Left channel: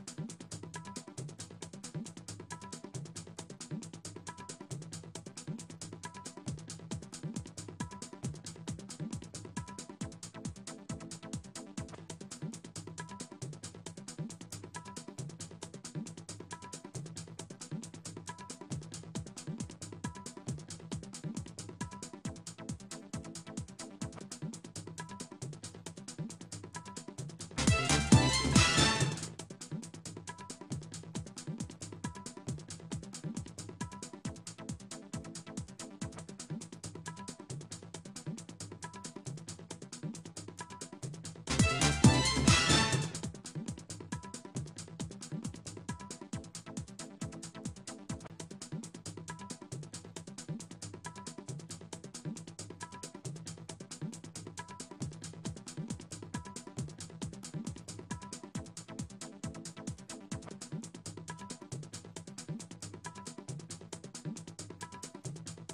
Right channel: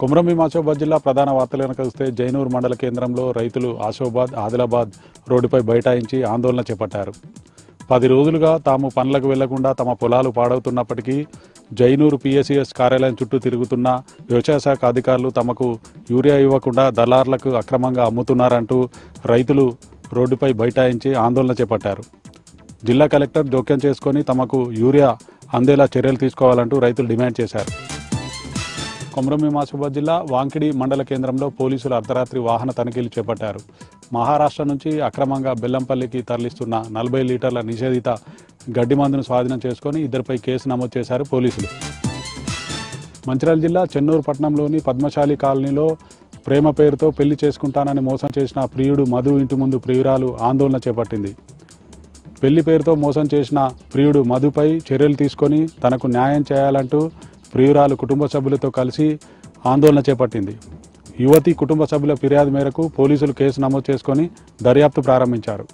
కొమరంభీం ఆసిఫాబాద్ జిల్లా ప్రధాన వార్తలు కనుక చూస్తే జైనూర్ మండల కేంద్రంలో రైతులు ఆసిఫాబాద్ ఆదిలాబాద్ రోడ్డుపై బైఠాయించి ఆందోళన చేపట్టారు. 10 రోజులుగా తాము పనులకు వెళ్లకుండా తమ పొలాలు పాడవుతున్నప్పటికీ జైనూరు PSCS కార్యాలయం చుట్టూ తిరుగుతున్న వ్యవసాయ శాఖ అధికారులు తమకు యూరియా ఇవ్వకుండా దళార్లకు అక్రమంగా అమ్ముతున్నారంటూ రైతులు రోడ్డుపై బైఠాయించి ఆందోళన చేపట్టారు. జిల్లా కలెక్టర్ జోక్యం చేసుకొని తమకు యూరియా అందేలా చర్యలు తీసుకోవాలంటూ రైతులు డిమాండ్ చేశారు. కొమరంభీం ఆసిఫాబాద్ జిల్లా వాంకిడి మండల కేంద్రంలో పోలీసులు అర్ధరాత్రి వాహన తనిఖీలు చేపట్టారు. మహారాష్ట్ర నుంచి అక్రమంగా బెల్లంపల్లికి తరలిస్తున్న 40 లీటర్ల నిషేధిత గడ్డి మందును స్వాధీనం చేసుకొని ఇద్దరిపై కేసు నమోదు చేశారు పోలీసులు. మంచిర్యాల జిల్లా చెన్నూరు పట్టణంలోని పద్మశాలి కాలనీలో ప్రేమ పేరుతో పెళ్లి చేసుకుంటానని మోసం చేసిన ప్రియుడు మధు ఇంటి ముందు ప్రియురాలు ఆందోళన చేపట్టింది. పెళ్లి పేరుతో మోసం చేసిన ప్రియుడు మధుపై చర్యలు తీసుకొని తనకు న్యాయం చేయాలంటూ ప్రియురాలు కుటుంబ సభ్యులతో కలిసి ఆందోళన చేపట్టింది. యువతి కుటుంబ సభ్యుల ఫిర్యాదు మేరకు పోలీసులు కేసు నమోదు చేసుకొని దర్యాప్తు ప్రారంభించారు.